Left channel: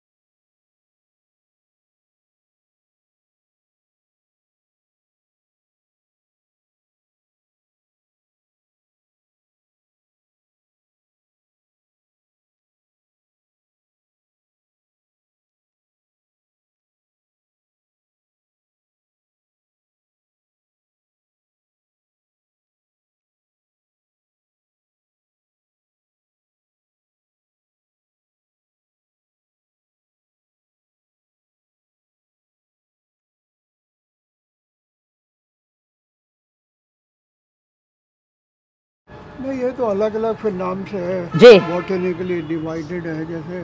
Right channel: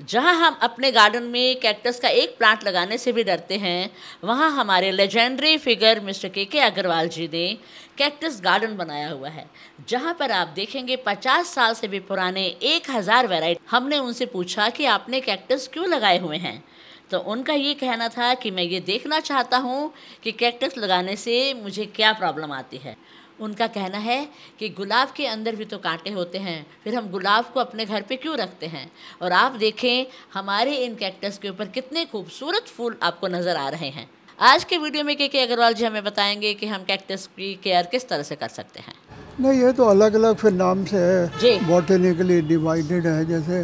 जहां हम अपने गार्डन में कैक्टस का एक प्लांट लगाने से भी डरते हैं, वहां हमारे लेजेंडरी फिगर मिस्टर के अग्रवाल जी ने कैक्टस गार्डन बनाया हुआ है, जहां पर आप देखेंगे 50 साल से भी पुराने 1000 वैरायटी। हमने उनसे पूछा कि आपने कैक्टस क्यों लगाए हुए हैं, तो उनका ये कहना था कि मैं ये देखना चाहता हूँ कि कैक्टस लगाने से मुझे क्या प्रॉब्लम आती है। उनका कहना है कि गुलाब के अंदर भी तो कांटे होते हैं, फिर हम गुलाब को अपने घर पे क्यों रखते हैं। और आप देखें हमारे इन कैक्टस के ऊपर कितने खूबसूरत फूल आपको नज़र आ रहे हैं। आज के वीडियो में के अग्रवाल जी हमें बताएंगे कि हम कैक्टस की केयर किस तरह से कर सकते हैं। नहीं, ये तो अलग अलग फिर नाम से जी। है, बॉटनिकली डिवाइडेड है। जैसे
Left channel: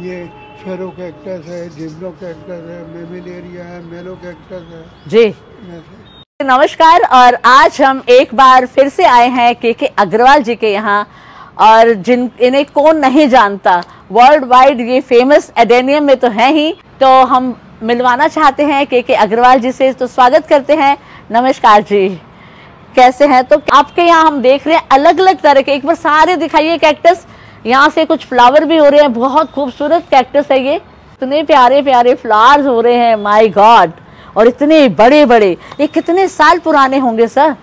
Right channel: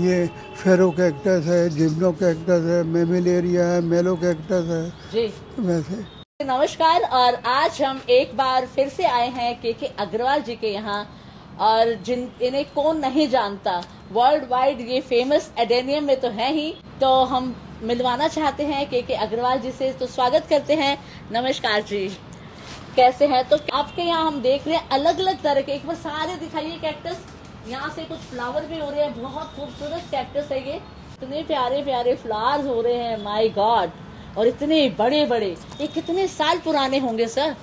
ये फेरो कैक्टस है, जिम्नो कैक्टस है, मेमिलेरिया है, मेलो कैक्टस है। जी वैसे नमस्कार, और आज हम एक बार फिर से आए हैं के अग्रवाल जी के यहाँ, और इन्हें कौन नहीं जानता, वर्ल्ड वाइड ये फेमस एडेनियम में तो है ही। तो हम मिलवाना चाहते हैं के अग्रवाल जी से, तो स्वागत करते हैं। नमस्कार जी, कैसे हैं? तो आपके यहाँ हम देख रहे हैं अलग अलग तरह के, एक बार सारे दिखाइए कैक्टस। यहाँ से कुछ फ्लावर भी हो रहे हैं, बहुत खूबसूरत कैक्टस है ये, इतने प्यारे प्यारे फ्लावर्स हो रहे हैं, माय गॉड। और इतने बड़े बड़े, ये कितने साल पुराने होंगे सर?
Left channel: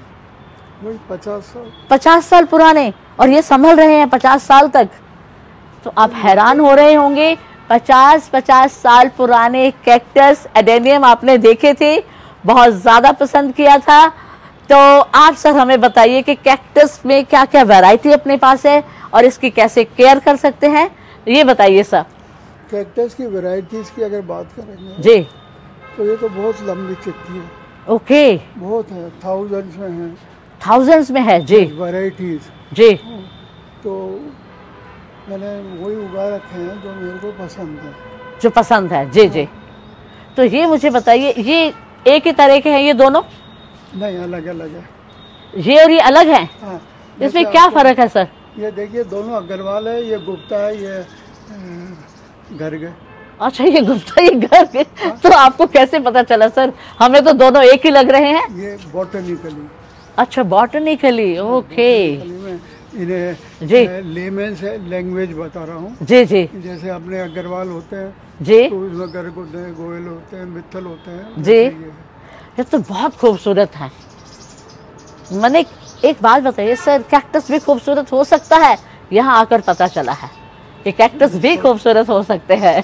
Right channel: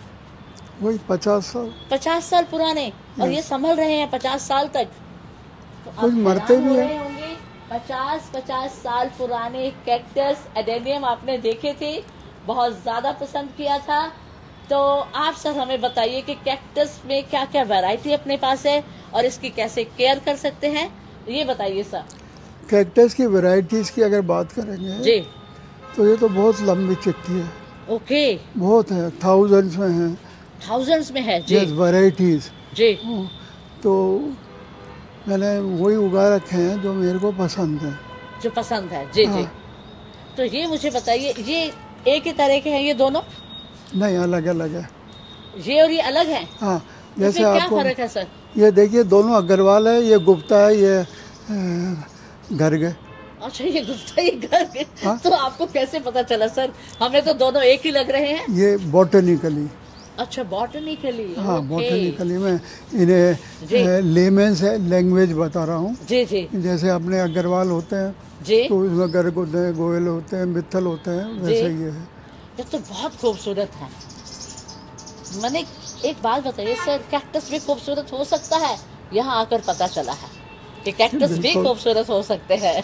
वही 50 साल। 50 साल पुराने, और ये संभल रहे हैं 50 साल तक। तो आप हैरान हो रहे होंगे, 50 साल पुराने कैक्टस एडेनियम आपने देखे थे, बहुत ज्यादा पसंद किया था। तो आप सर हमें बताइए कि कैक्टस में क्या क्या वैरायटी अपने पास है और इसकी कैसे केयर कर सकते हैं, ये बताइए सर। कैक्टस की वैरायटीज की अगर बात करेंगे जी, तो ये तो बहुत लंबी चिट्ठी है। ओके, बहुत है, थाउजेंड्स में है। थाउजेंड्स में है जी। वैरायटीज जी, तो मैंने वही उगा रखे हैं जो मेरे को पसंद है। जो पसंद है, जी जी। तो ये मुझे बताइए, ये एक ही तरह के हैं ये दोनों? नहीं, अलग अलग है। ये और ये अलग है? हाँ, इसमें क्या फर्क है सर? ये देखिए, दोनों अग्रवाल है, ये गुप्ता है, ये गर्ग। अच्छा, ये गुप्ता, ये गर्ग। तो आपको कैसे पता चला सर? हमें तो दोनों एक ही लग रहे हैं। ये बॉटनिकली। अच्छा, बॉटनिकली, ओके। बॉटनिकली में इन्हें लेमन से लैंग्वेज बता रहा हूँ। जी जी। जैसे अपने अग्रवाल होते हैं जी, तो उसमें गर्ग होते हैं, गोयल होते हैं, मित्तल होते हैं। जी। ये है। ये तो बहुत खूबसूरत है। मैंने एक बात बताइए सर, कैक्टस भी खूबसूरत हो सकता है? यहाँ आकर पता चला है कि कैक्टस भी खूबसूरत हो सकते हैं।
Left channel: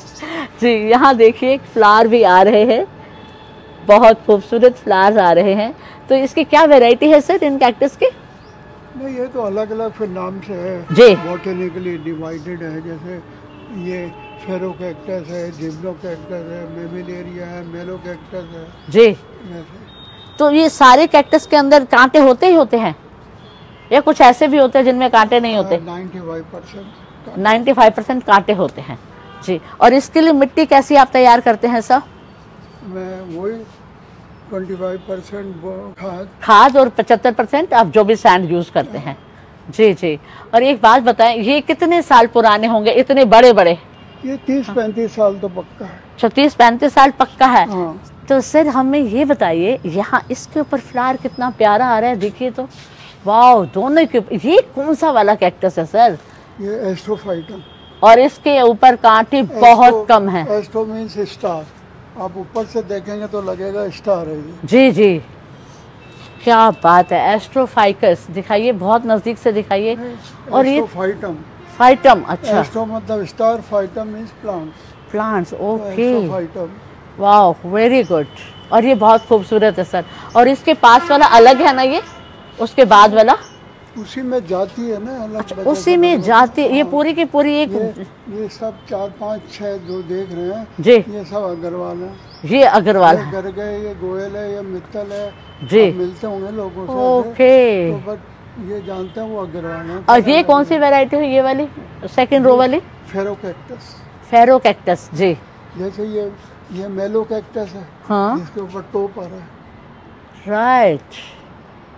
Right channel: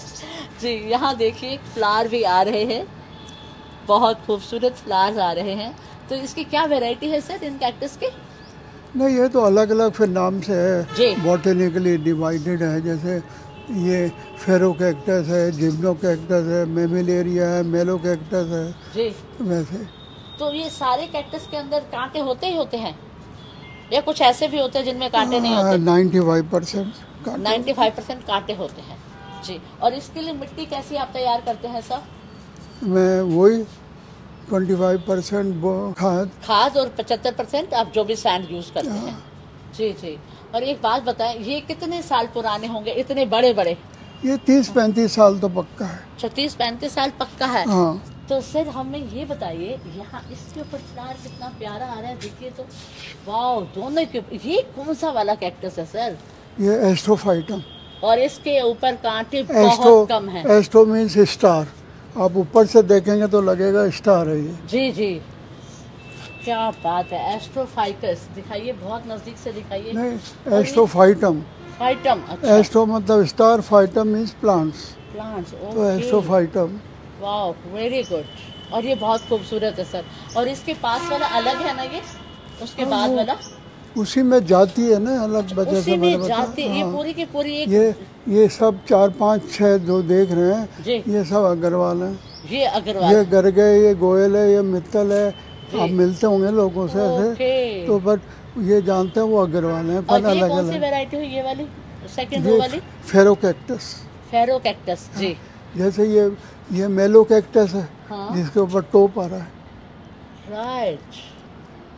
जी, यहाँ देखिए फ्लावर भी आ रहे हैं, बहुत खूबसूरत फ्लावर्स आ रहे हैं। तो इसकी क्या वैरायटी है सर इन कैक्टस की? नहीं, ये तो अलग अलग फिर नाम से है, जी। बॉटनिकली डिवाइडेड है। जैसे ये फेरो कैक्टस है, जिम्नो कैक्टस है, मेमिलेरिया है, मेलो कैक्टस है। जी। वैसे तो ये सारे कैक्टस के अंदर कांटे होते ही होते हैं, या कुछ ऐसे भी होते हैं जिनमें कांटे नहीं होते? 95%। 95% कांटे होते हैं जी। और इसके लिए मिट्टी कैसी आप तैयार करते हैं सर? मैं वही 25% खाद और 75% आप जो भी सैंड यूज करते हैं। जी जी। और एक बात बताएं, ये कितने साल पुराने होंगे इतने बड़े बड़े? ये 30-35 साल तो पक्का है। 36-35 साल पक्का है। हाँ। तो सर हमें ये बताइए, यहाँ इसके ऊपर फ्लावर कितना प्यारा आ रहा है, देखिए तो, वाह। दोनों के ये कौन सा वाला कैक्टस है सर? ये एस्ट्रोफाइटम। और इसके ऊपर कांटे बहुत कम है। Astro means star. आप ऊपर से देखेंगे तो लगेगा स्टार है ये। जी जी, क्या बात है। एस्ट्रोफाइकस दिखाइए, बहुत नजदीक से दिखाइए। और ये एस्ट्रोफाइटम। फाइटम, अच्छा। एस्ट्रो मतलब star, phytum means plants. Plants, okay. Astrophytum. वाह, वेरी गुड। और ये बहुत खूबसूरत है सर। और इसके पास वाला अलग है ना, ये उसके बाद वाला? उसी में जाती है ना अलग। अच्छा, उसी में जाती। ये पूरी की पूरी एक ये सब 4, 5, 6 जो देख रहे हैं जी, ये सब अग्रवाल है। ये अग्रवाल ये गर्ग है, ये गोयल है, ये मित्तल है जी। आप मिलते होंगे लोगों से ओके। तो बट ये जानते हैं वो अग्रवाल है। और ये कौन सी वैरायटी है, ये वाली सेकंड रो वाली? फेरो कैक्टस। फेरो कैक्टस, जी। जैसे ये मेलो कैक्टस है। हाँ, जिसके ऊपर टोप आ रहा है। राइट।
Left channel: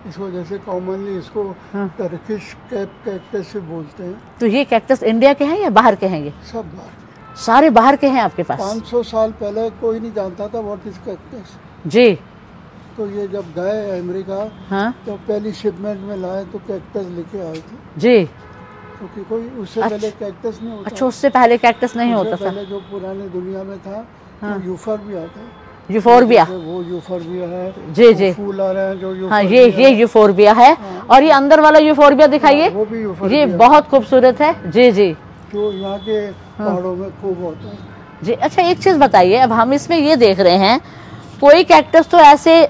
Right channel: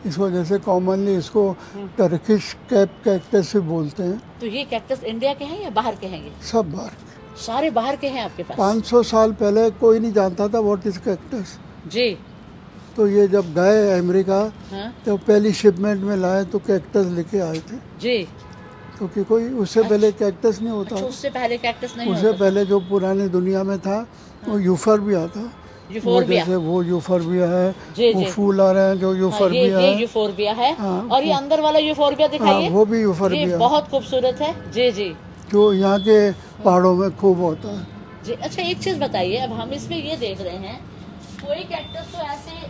इस वजह से कॉमनली इसको टर्किश कैप कैक्टस भी बोलते हैं। तो ये कैक्टस इंडिया के हैं या बाहर के हैं? ये सब बाहर के। सारे बाहर के हैं आपके पास? 500 साल पहले कोई नहीं जानता था व्हाट इज कैक्टस। जी। तो ये जब गए अमेरिका, हाँ तो पहली शिपमेंट में लाए तो कैक्टस लेके आए थे। जी। क्योंकि कोई उससे पहले कैक्टस नहीं होता। अच्छा, उससे पहले कैक्टस नहीं होता उससे पहले जो पुरानी दुनिया में था वो यूफोर्बिया था। यूफोर्बिया, वो यूफोर्बिया है जी जी, फूल आ रहे हैं जो हाँ, यूफोर्बिया ये यूफोर्बिया है। और ये अंदर वाला यूफोर्बिया दिखाइए, वो भी यूफोर्बिया, ये बहुत खूबसूरत है। जी जी, जो यहाँ के पहाड़ों में खूब होता है जी। अच्छा, एक चीज बताइए, अब हम इसमें ये देख रहे हैं कोई कैक्टस तो ऐसे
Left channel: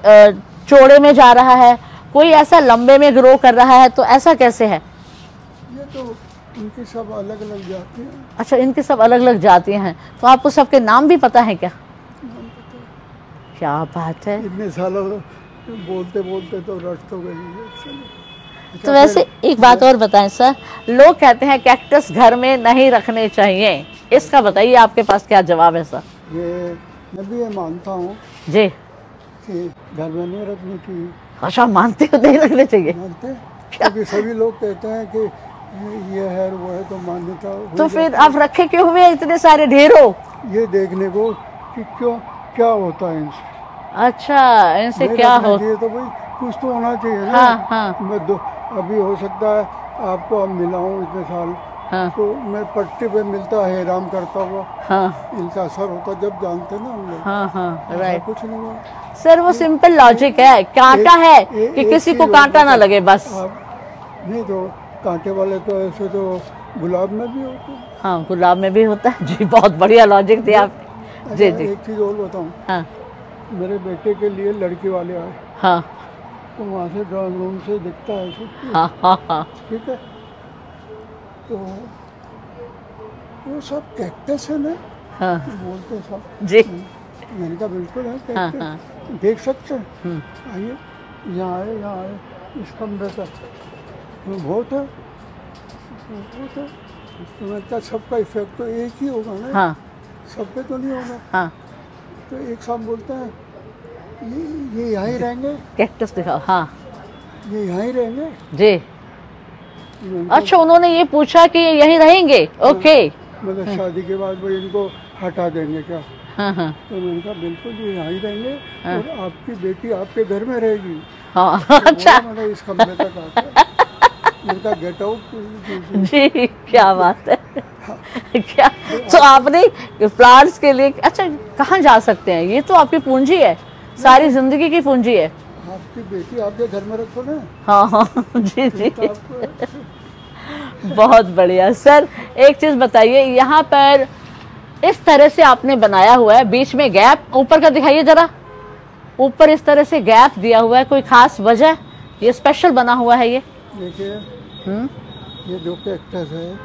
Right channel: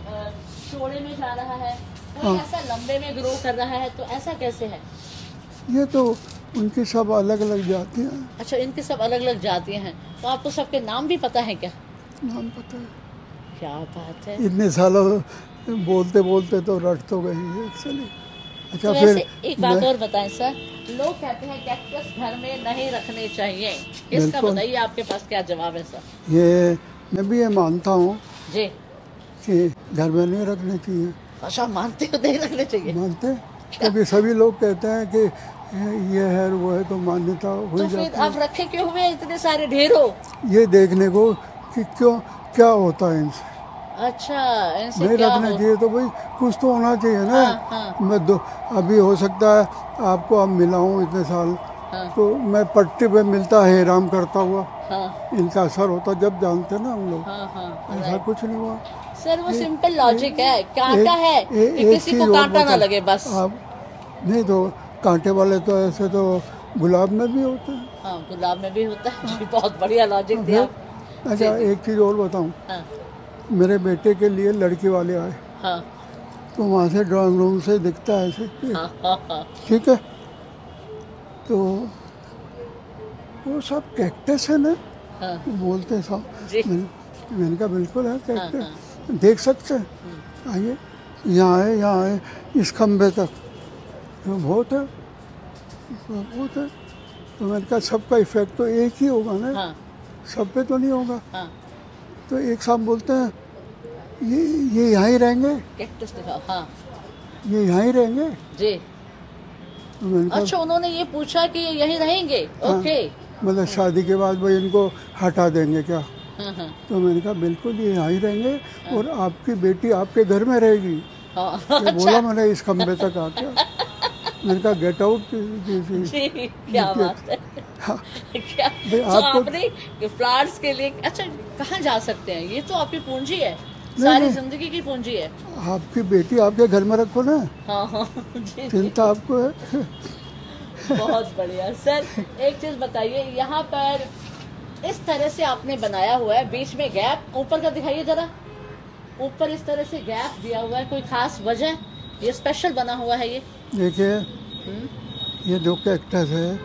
चौड़े में जा रहा है, कोई ऐसा लंबे में ग्रो कर रहा है, तो ऐसा कैसे है? ये तो उनके सब अलग अलग जातियाँ हैं। अच्छा, इनके सब अलग अलग जातियाँ हैं, तो आपको सबके नाम भी पता है क्या? नाम पता है। क्या बात है, इतने सालों बोलते बोलते तो रट तो गई है एक्चुअली। अच्छा, तो वैसे एक बात और बताएं सर, लोग कहते हैं कैक्टस घर में नहीं रखने चाहिए, इसका बताइए आपके पास क्या जवाब है सर? ये मैं भी ये मानता हूँ जी, कि घर में नहीं रखनी चाहिए। अच्छा, मानते हो नहीं रखने चाहिए? मानते हैं, क्योंकि सभी लोग कहते हैं कि ये है वो है, तो मान्यता हुई तो फिर जाती है। आप रखे क्यों हुए इतने सारे ढेरों? ये देखने को कि क्यों क्या होता है इनसे। अच्छा, इनसे नहीं क्या रखना हो? चाहिए तो भाई कुछ तो होना चाहिए ना। हाँ हाँ मैं अभी हो सकता है आपको अब मिला हूँ इतने साल, हाँ तो मैं पट्टे पे मिलता है आराम करता हुआ, हाँ इनका असर होता जब जानते ना हम लोग। हाँ हाँ, ऐसा राइट कुछ नहीं हुआ। सर, वो सिंपल लॉजिक है, कांटा है कि किसी को कांटा ना लगे बस। नहीं तो कांटे वाले तो ऐसे तो गुलाब में भी होते हैं। हाँ, गुलाब में भी होता है जी, बहुत बढ़िया लॉजिक दिया आप। अच्छा, जी जी, एक चीज़ और बताऊँ, हाँ मेरे बेटे के लिए लड़की वाले आए, हाँ तो वहाँ से ड्राइंग रूम से दिखता है ऐसे, हाँ हाँ हाँ, ठीक है, तो वो सब कैक्टस है ना, हाँ बोलते हैं सब। जी, मैंने कहा बिल्कुल है हाँ कैक्टस, हाँ, देख सकते हैं, आइए यहाँ आए इस खम्भे तक, बहुत है बहुत है। तो मैंने कहा सबका इफेक्ट तो एक ही होगा ना, हाँ सब पे तो नहीं होगा। हाँ, तो एक साहब बोलते हैं ये यहाँ ही रहेंगे, कैक्टस दिखाओ, हाँ ये यहाँ ही रहेंगे। जी। तो मैंने कहा, अच्छा, उन्होंने ये पूछा कि ये यहीं रहेंगे? ओके, मतलब शादी के बाद भाई इनको हटा देंगे क्या? हाँ हाँ तो मैंने कहा बिल्कुल ये यहाँ ही रहेंगे और आपकी बेटी आपके घर में रहेगी। हाँ, तो अच्छा बोला मैंने इस कमरे तक आके, मैंने कहा गेट आउट। जी, क्या बात है, क्या तो आपने प्लांट्स के लिए, अच्छा कहाँ जा सकते हैं, ये तो आपकी पूंजी है, सारी जिंदगी की पूंजी है। आपकी बेटी आपके घर में रखो ना, हाँ हाँ, जी जी, चिंता आपको है। बहुत बढ़िया सर। एक चीज बताइए, यहाँ पर इस तरह से आपने बनाया हुआ है, बीच में गैप, ऊपर का दिखाइए जरा, ऊपर इस तरह से गैप दिया हुआ है, कोई खास वजह? ये स्पेशल बना हुआ है ये? देखिए ये जो कैक्टस है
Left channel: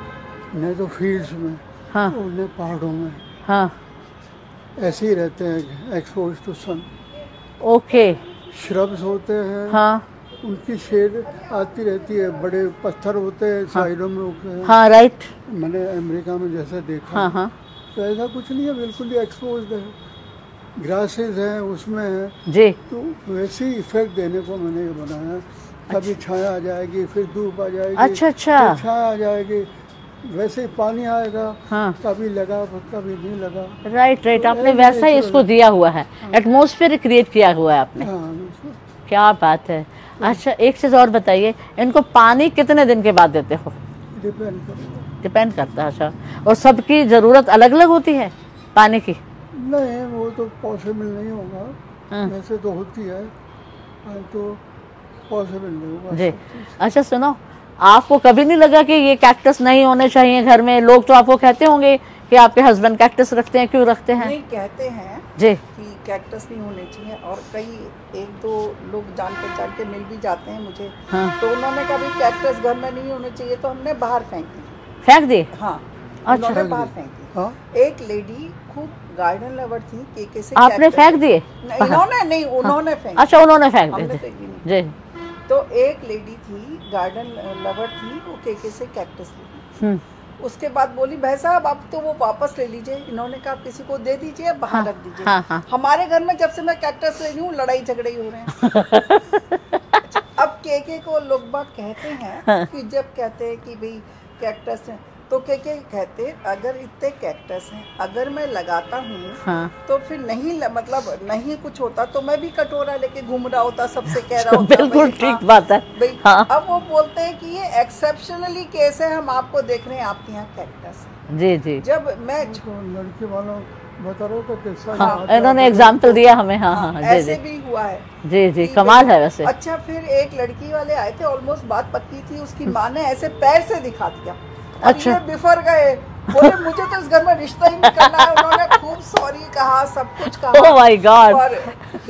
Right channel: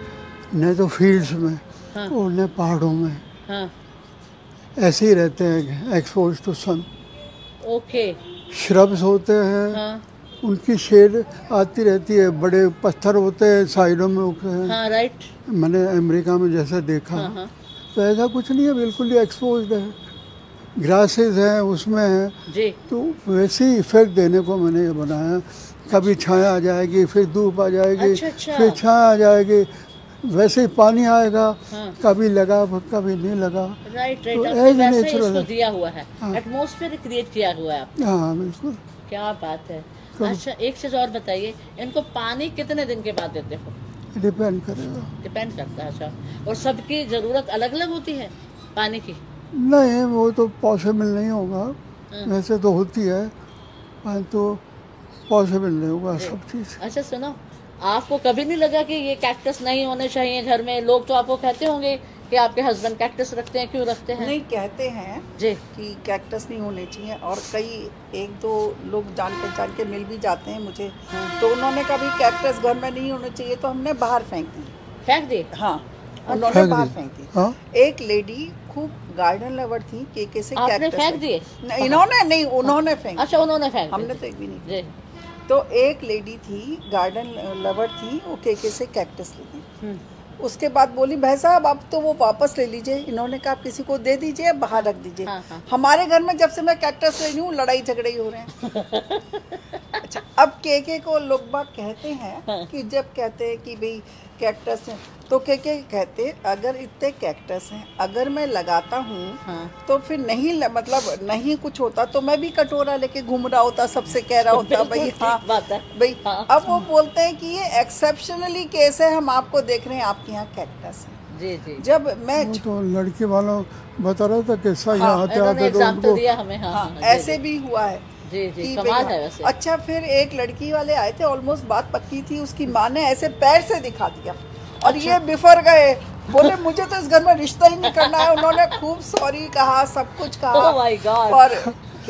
न तो फील्ड्स में हाँ और न पहाड़ों में, हाँ, ऐसे ही रहते हैं expose to sun. Okay, shrubs होते हैं, हाँ उनकी शेड आती रहती है, बड़े पत्थर होते हैं साइडों में उगते हैं। हाँ, राइट, मैंने अमेरिका में जैसा देखा हाँ है, हाँ तो ऐसा कुछ नहीं है, बिल्कुल ही एक्सपोज्ड है, ग्रासेस हैं उसमें है, जी, तो वैसे ही इफेक्ट देने को मैंने ये बनाया। कभी छाया आ जाएगी, फिर धूप आ जाएगी, अच्छा अच्छा, फिर छाया आ जाएगी, वैसे ही पानी आएगा, हाँ, कभी लगा कभी नहीं लगा। राइट राइट, तो आपने ऐसे वैसा ही नेचुरल इसको है। दिया हुआ है, एटमॉस्फेयर क्रिएट किया हुआ है आपने, हाँ बिल्कुल। क्या बात है। अच्छा, एक चीज और बताइए, इनको पानी कितने दिन के बाद देते हो? डिपेंड करेगा, डिपेंड करता है। अच्छा, और सबकी जरूरत अलग अलग होती है पानी की? नहीं वो तो पॉसिबल नहीं होगा, हाँ। वैसे तो होती है, तो पॉसिबल नहीं होगा जी। सब चीज़। अच्छा सुनो, आपको कभी नहीं लगा कि ये कैक्टस नहीं होने चाहिए घर में? लोग तो आपको कहते होंगे कि आपके हस्बैंड कैक्टस रखते हैं, क्यों रखते हैं? नहीं, कहते हैं जी, कि कैक्टस नहीं होने चाहिए, और कई एक दो लोग जान पहचान के मिल भी जाते हैं मुझे, हाँ, तो उन्होंने कहा भी कैक्टस घर में नहीं होने चाहिए, तो हमने बाहर फेंक दी। फेंक दिए? हाँ, अच्छा। उन्होंने बाहर फेंक दी। हाँ एक लेडी खूब गार्डन लवर थी, केके से आपने cactus- फेंक दिए? नहीं, इन्होंने नहीं, उन्होंने फेंक अच्छा, उन्होंने फेंक हमने दिए? फेंक भी नहीं। जी, तो एक लेडी थी गार्डन लवर थी, वो केके से कैक्टस ली। उसके बाद बोली भाई साहब अब तो वो वापस ले लीजिए। इन्होंने कहा आप किसी को दे दीजिए, अब बाहर रख दीजिए। हाँ, हाँ। हमारे घर में जब से मैं कैक्टस ले रही हूँ लड़ाई झगड़े ही हो रहे हैं। अच्छा, अब केके को लोग बात कहते हैं कि जब कहते हैं कि भाई कैक्टस हैं। तो के कहते अगर इतने कैक्टस हैं, अगर मैं लगाता हूँ हाँ। तो फिर मतलब नहीं कुछ होता तो मैं भी कटोरा लेके घूम रहा होता, सबसे कह रहा होता बिल्कुल भाई, ठीक हाँ, बात है। भाई हाँ। अब वो बोलते हैं कि ये एक्सेप्शनली केस है, हम आपको देख रहे हैं आपके यहाँ कैक्टस है। जी जी। जब मैं वो तो लड़के वालों बता रहा था किस्सा हाँ, यहाँ आते इन्होंने आते एग्जाम्पल तो दिया हमें। हाँ हाँ जी ऐसे जी भी हुआ है। जी जी, कि कमाल भाई- है वैसे। अच्छा, फिर एक लड़की वाले आए थे, ऑलमोस्ट बात पक्की थी, उसकी माँ ने ऐसे पैर से दिखा दिया और अच्छा। ये बिफर गए, बोले मुझे तो इस घर में रिश्ता ही नहीं करना है। उन्होंने खूब सॉरी कहा, सब कुछ कहा। Oh my God। और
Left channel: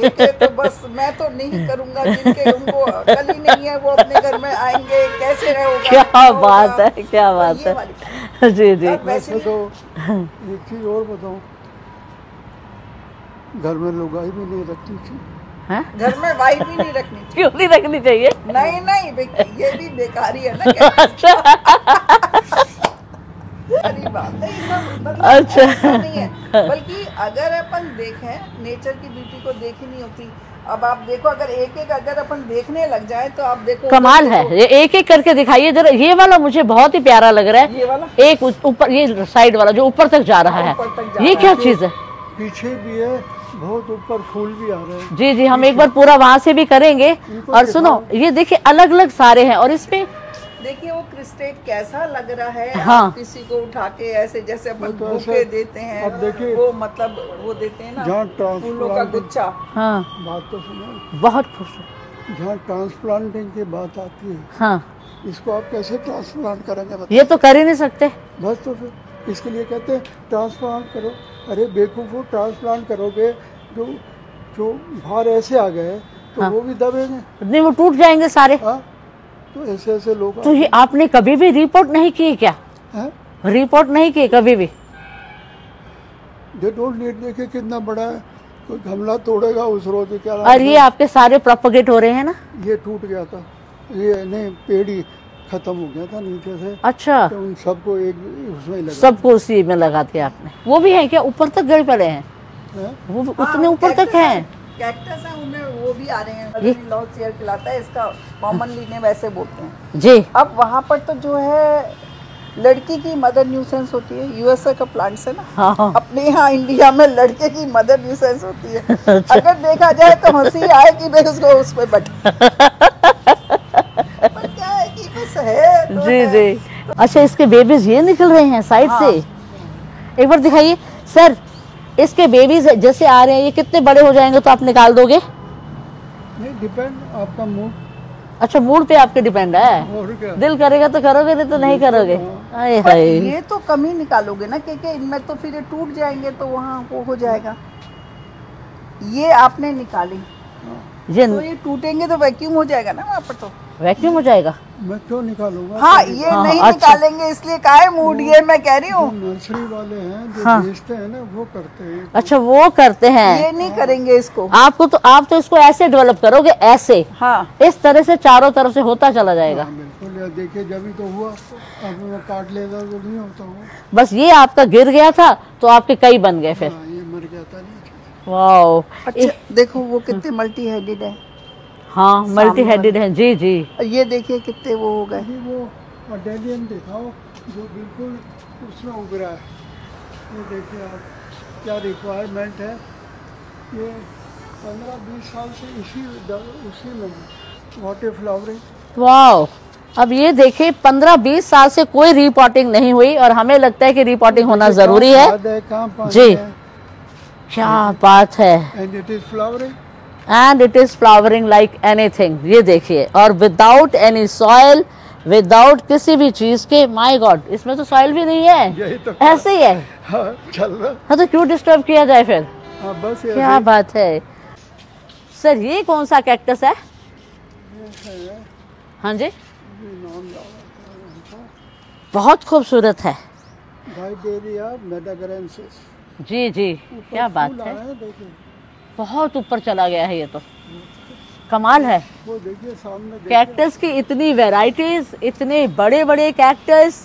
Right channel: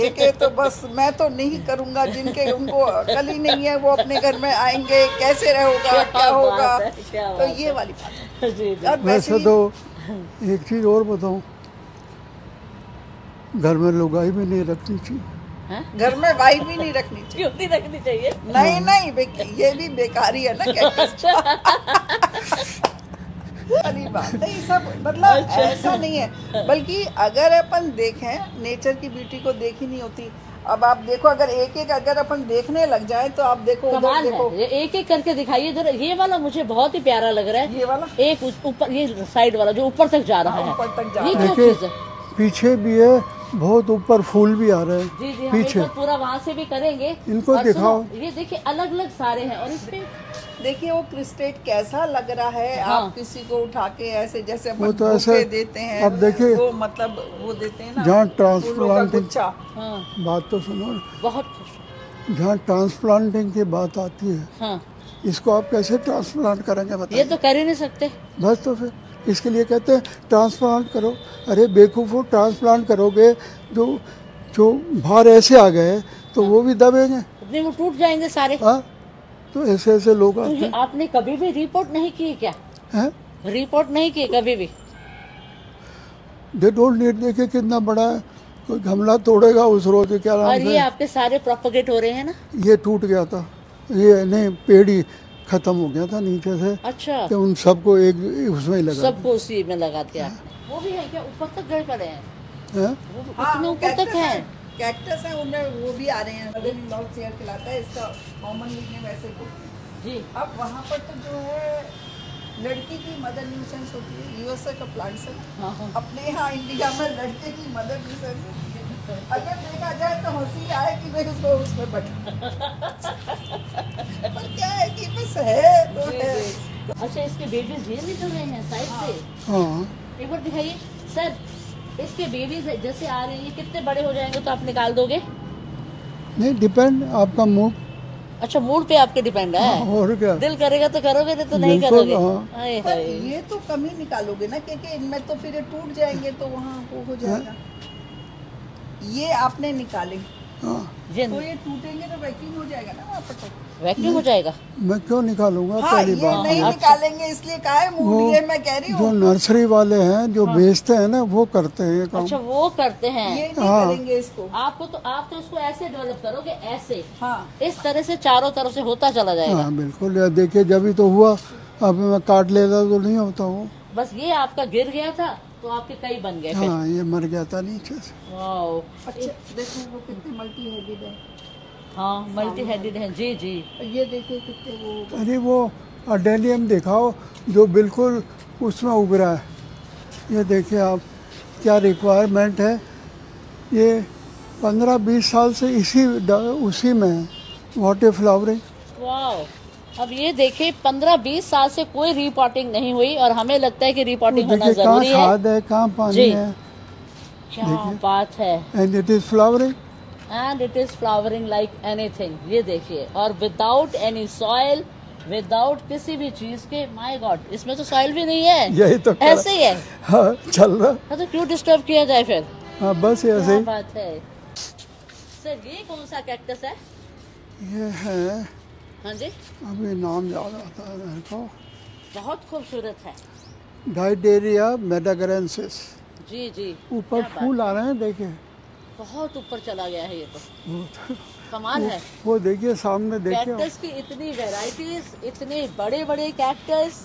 के तो बस मैं तो नहीं करूंगा, जिनके उनको अकल ही नहीं है वो अपने घर में आएंगे, कैसे रहोगा, क्या होगा? बात है, क्या तो बात ये है। वाली बात। जी जी। यार, वैसे तो एक चीज़ और बताऊं, घर में लुगाई भी नहीं रखनी चाहिए। हैं? घर में वाइफ भी नहीं रखनी चाहिए। क्यों नहीं रखनी चाहिए? नहीं नहीं, ये भी बेकारी है ना क्या? अरे बात है, ये सब मतलब अच्छा। ऐसा नहीं है, बल्कि अगर अपन देखें, नेचर की ब्यूटी को देखी नहीं होती। अब आप देखो, अगर एक एक अगर अपन देखने लग जाए तो आप देखो कमाल है। ये एक एक करके दिखाइए जरा। ये वाला मुझे बहुत ही प्यारा लग रहा है। ये वाला एक ऊपर, ये साइड वाला जो ऊपर तक जा रहा है, ऊपर तक जा ये क्या चीज है? पीछे भी है, बहुत ऊपर फूल भी आ रहे हैं। जी जी, हम एक बार पूरा वहां से भी करेंगे। इनको और सुनो, ये देखिए अलग अलग सारे हैं, और इसमें देखिए वो क्रिस्टेट कैसा लग रहा है। हाँ। आप किसी को उठा के ऐसे जैसे वो अपन तो ऐसे- बुके देते हैं, अब देखिए, वो मतलब वो देते हैं ना, जहाँ फूलों का ट्रांसप्लांटिंग, गुच्छा। हाँ, बात तो सुनो, बहुत खुश हूँ। जहाँ ट्रांसप्लांटिंग की बात आती है, हाँ, इसको आप कैसे ट्रांसप्लांट करेंगे ये बताइए? तो कर ही नहीं सकते। बस तो फिर इसके लिए कहते हैं ट्रांसप्लांट करो। अरे बेवकूफ़ो, ट्रांसप्लांट करोगे जो बाहर ऐसे आ गए तो हाँ। वो भी दबेंगे। नहीं, वो टूट जाएंगे सारे। हाँ, तो ऐसे ऐसे लोग तो ये आपने कभी भी रिपोर्ट नहीं की क्या? हैं, रिपोर्ट नहीं की कभी भी? They don't need. देखिए कितना बड़ा है, कोई गमला तोड़ेगा उस रोज क्या नाम और है? ये आपके सारे प्रोपगेट हो रहे हैं ना? ये टूट गया था, ये नहीं, पेड़ ही खत्म हो गया था नीचे से, अच्छा, तो उन सबको एक उसमें ही लगा सबको उसी में लगा दिया आपने। वो भी है क्या? ऊपर तक गए पड़े हैं? हैं? वो हाँ, उतने ऊपर तक कैक्टस हैं? कैक्टस है, उनमें वो भी आ रहे हैं। लॉर्ड चेयर खिलाता है, इसका कॉमनली ने वैसे बोलते हैं। जी। अब वहाँ पर तो जो है लड़की की मदर न्यूसेंस होती है। यूएसए का प्लांट्स है ना, हाँ हाँ। अपने यहाँ इंडिया में लड़के की मदर न्यूसेंस होती है। अगर देखा जाए तो हंसी आए कि भाई उसको उसमें बैठा पर क्या है कि बस है तो जी है। जी। अच्छा, इसके बेबीज ये निकल रहे हैं साइड हाँ। से? हाँ, एक बार दिखाइए सर। इसके बेबीज जैसे आ रहे हैं, ये कितने बड़े हो जाएंगे तो आप निकाल दोगे? नहीं, डिपेंड आपका मूड अच्छा, मूड पे आपके डिपेंड है। और क्या। दिल करेगा तो करोगे, नहीं तो नहीं बिल्कुल, करोगे। हाँ। हाय पर हाय। ये तो कम ही निकालोगे ना, क्योंकि इनमें तो फिर ये टूट जाएंगे तो वहाँ वो हो जाएगा। ये आपने निकाली हाँ, ये तो ये टूटेंगे तो वैक्यूम हो जाएगा ना वहाँ पर। तो वैक्यूम हो जाएगा। मैं क्यों निकालूंगा? हाँ, पहली ये बात। नहीं अच्छा। निकालेंगे, इसलिए का है मूड, ये मैं कह रही जो हूँ। नर्सरी वाले हैं जो हाँ। बेचते हैं ना, वो करते हैं काम। अच्छा, वो करते ये हैं। नहीं हाँ। करेंगे इसको। आप तो इसको ऐसे डेवलप करोगे, ऐसे हाँ, इस तरह से चारों तरफ से होता चला जाएगा। हाँ बिल्कुल, यार देखिए जब ही तो हुआ, अब मैं काट लेता तो नहीं होता वो। बस ये आपका गिर गया था तो आपके कई बन गए फिर। हाँ, ये मर गया था नीचे से। वाओ। अच्छा देखो वो कितने मल्टी हेडेड है। हाँ, मल्टी हेडेड है। जी जी। और ये देखिए कितने वो हो गए। अरे वो अडेनियम दिखाओ जो बिल्कुल उसमें उग रहा है। ये देखिए आप, क्या रिक्वायरमेंट है। ये 15-20 साल से उसी में है। What A flowering. वाओ। अब ये देखिए 15-20 साल से कोई रिपोर्टिंग नहीं हुई और हमें लगता है कि रिपोर्टिंग होना जरूरी है। कहाँ पानी जी। है, क्या बात है। And it is flowering. And it is flowering like anything. ये देखिए, और विदाउट एनी सॉइल, विदाउट किसी भी चीज के। माय गॉड, इसमें तो सॉइल भी नहीं है, यही तो ऐसे ही है। हाँ, चल रहा। हाँ, तो क्यों डिस्टर्ब किया जाए फिर? हाँ, बस ये क्या बात है। सर, ये कौन सा कैक्टस है? ये है, हाँ जी, अभी नाम याद आता है इनको। बहुत खूबसूरत है। डाइडेरिया मेडाग्रेंसिस। जी जी, क्या ऊपर बात फूल आ है। रहे हैं, देखिए। बहुत ऊपर चला गया है ये तो। कमाल है। वो देखिए सामने, देखिए कैक्टस की इतनी वैरायटीज, इतने बड़े बड़े कैक्टस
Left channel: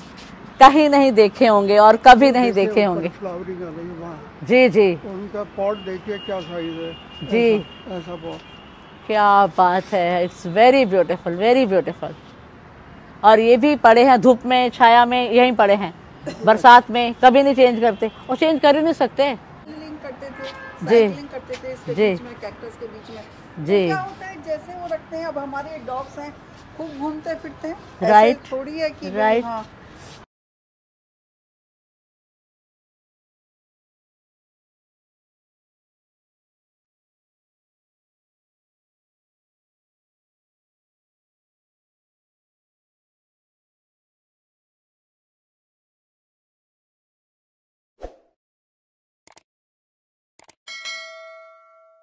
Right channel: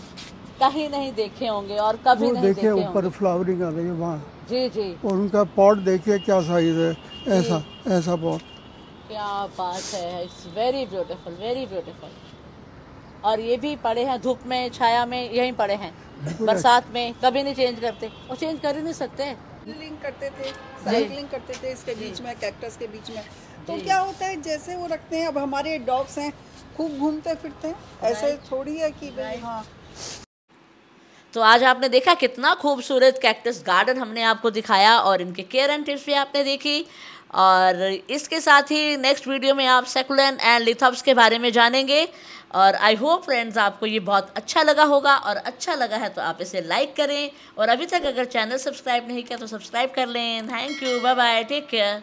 कहीं नहीं देखे होंगे और कभी वो नहीं देखिए देखे ऊपर होंगे। फ्लावरिंग आ रही है वहाँ। जी जी, और उनका पॉट देखिए क्या साइज है। जी। ऐसा पॉट। क्या बात है। It's very beautiful, very beautiful. और ये भी पड़े हैं धूप में, छाया में, यहीं पड़े हैं, बरसात में कभी नहीं चेंज करते, और चेंज कर ही नहीं सकते। करते थे, साइकिलिंग करते थे इसके बीच में, कैक्टस के बीच में। तो क्या होता है, जैसे वो रखते हैं, अब हमारे डॉग्स हैं खूब घूमते फिरते, ऐसे थोड़ी है कि हाँ। तो आज आपने देखा कितना खूबसूरत कैक्टस गार्डन हमने आपको दिखाया, और इनके केयर एंड टिप्स भी आपने देखी। और इसके साथ ही नेक्स्ट वीडियो में आप सकुलेंट एंड लिथॉप्स के बारे में जानेंगे। और आई होप फ्रेंड्स आपको ये बहुत अच्छा लगा होगा, और अच्छा लगा है तो आप इसे लाइक करें, और अभी तक अगर चैनल सब्सक्राइब नहीं किया तो सब्सक्राइब कर लें। Thank you, bye bye, take care.